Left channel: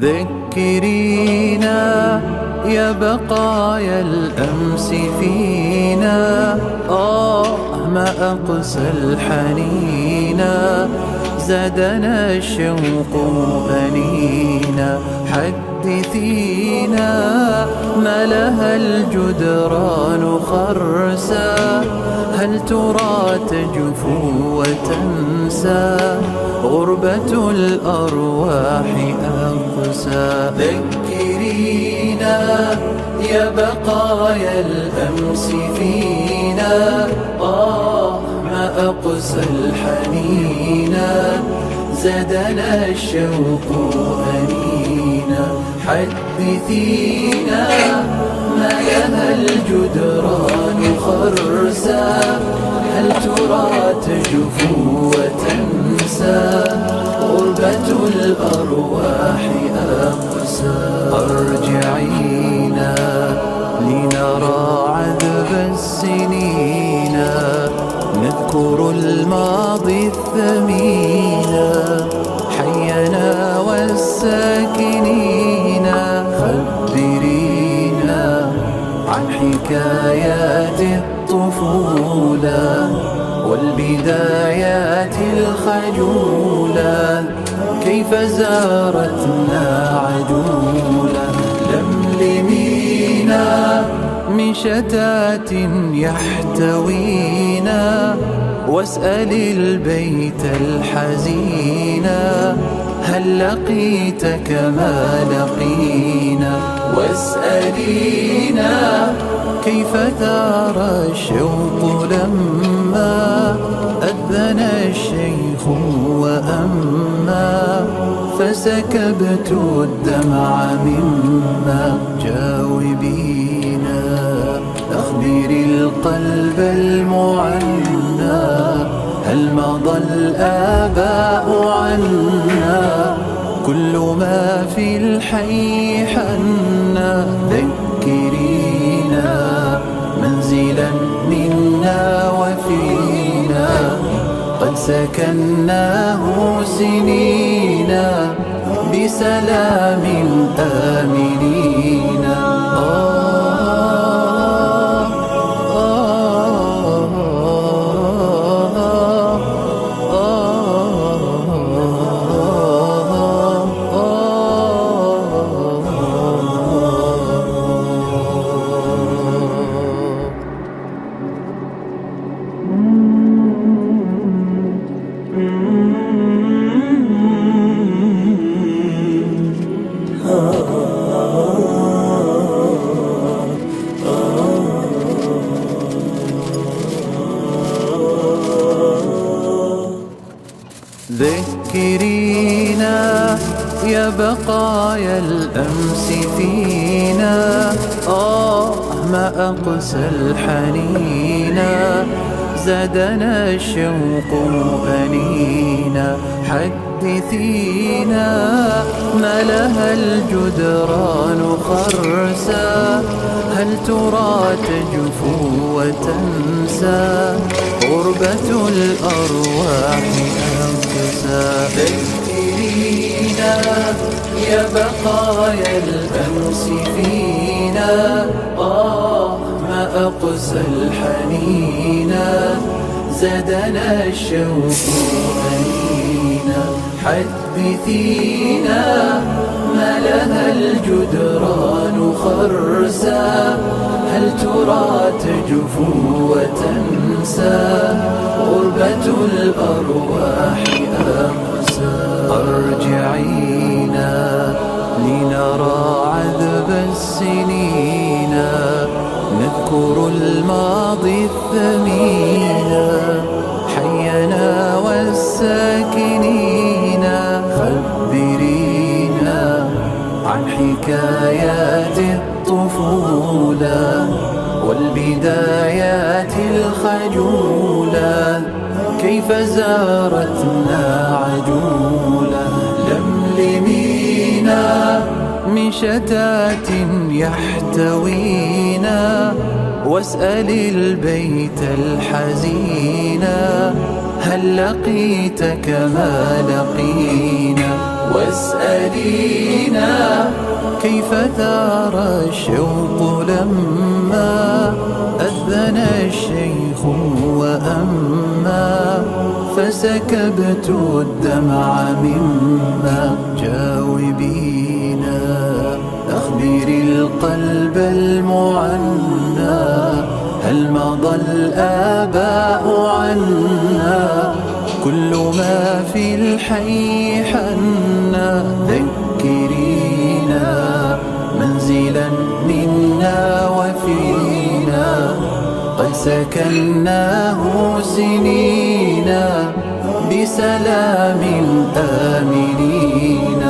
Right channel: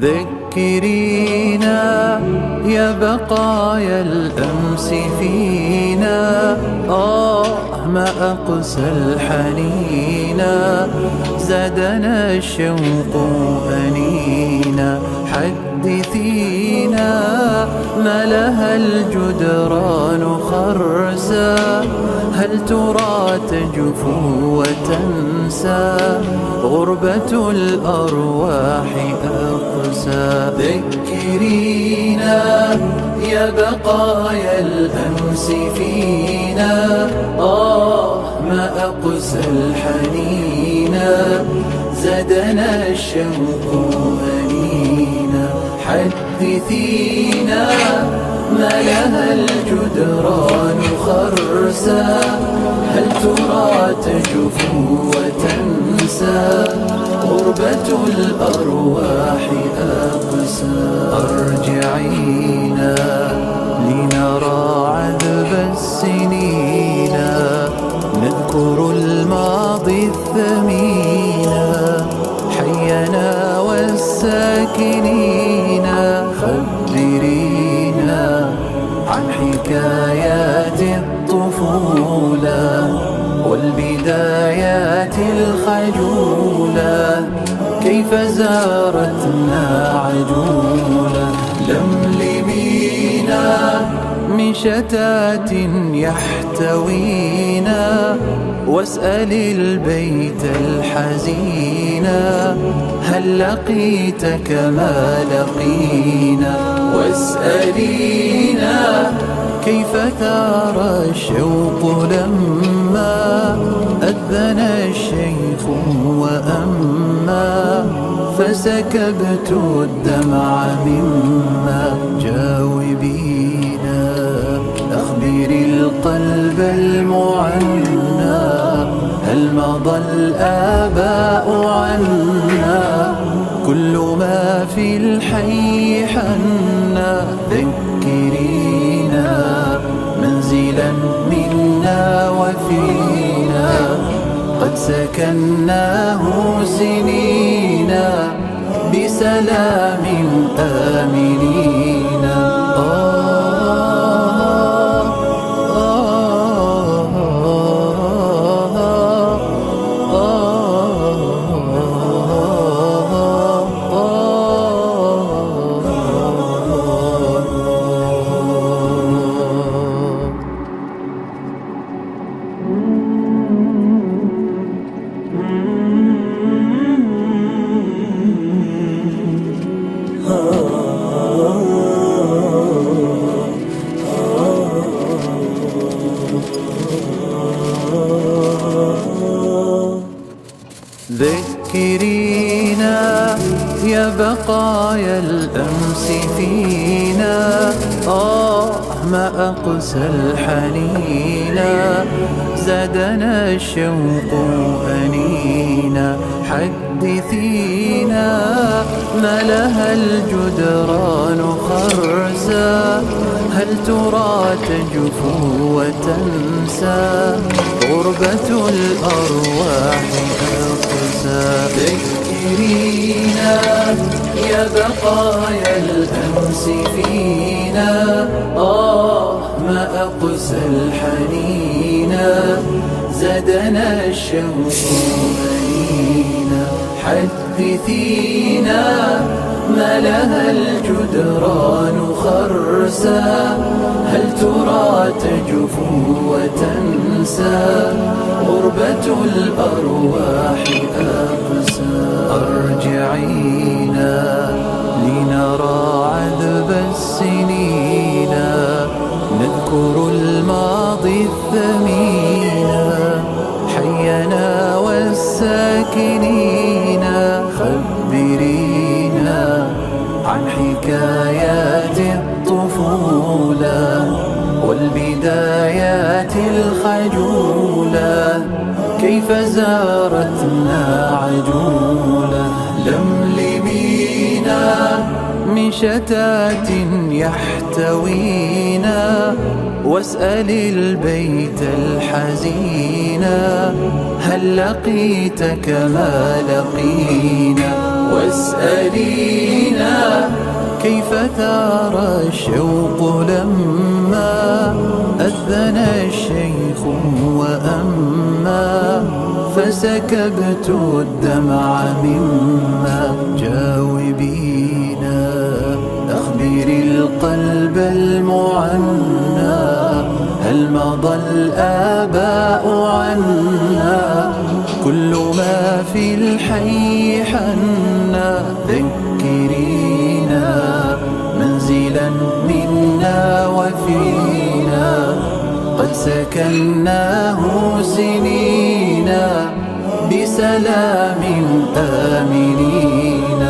ذكرينا يا بقايا الأمس فينا، ما أقسى الحنينا، زادنا الشوق أنينا. حدثينا ما لها الجدران خرسا، هل ترى تجفو وتنسى؟ غربة الأرواح أقسى. ذكرينا يا بقايا الأمس فينا، ما أقسى الحنينا، زادنا الشوق أنينا. حدثينا ما لها الجدران خرسا، هل ترى تجفو وتنسى؟ غربة الأرواح أقسى. أرجعينا لنرى عذب السنين، نذكر الماضي الثمين، حينا والساكنين. خبرينا عن حكايات الطفولة والبدايات الخجولة، كيف زارتنا عجولة. لملمينا من شتات يحتوينا، واسأل البيت الحزينا، هل لقيت كما لقينا؟ واسألينا كيف ثار الشوق لما أذن الشيخ وأما، فسكبت الدمع مما. جاوبينا أخبري القلب المعنى، هل مضى الآباء عنا؟ كل ما في الحي حنا. ذكرينا منزلا منا وفينا، قد سكناه سنينا، بسلام آمنين. ذكرينا يا بقايا الأمس فينا، ما أقسى الحنينا، زادنا الشوق أنينا. حدثينا ما لها الجدران خرسا، هل ترى تجفو وتنسى؟ غربة الأرواح أقسى. ذكرينا يا بقايا الأمس فينا، ما أقسى الحنينا، زادنا الشوق أنينا. حدثينا ما لها الجدران خرسا، هل ترى تجفو وتنسى؟ غربة الأرواح أقسى. أرجعينا لنرى عذب السنين، نذكر الماضي الثمين، حينا والساكنين. خبرينا عن حكايات الطفولة والبدايات الخجولة، كيف زارتنا عجولة. لملمينا من شتات يحتوينا، واسأل البيت الحزينا هل لقيت كما لقينا. واسألينا كيف ثار الشوق لما أذن الشيخ وأما فسكبت الدمع مما. جاوبينا أخبري القلب المعنى هل مضى الآباء عنا. كل ما في الحي حنا ذكرينا منزلا منا وفينا قد سكناه سنينا بسلام آمنين.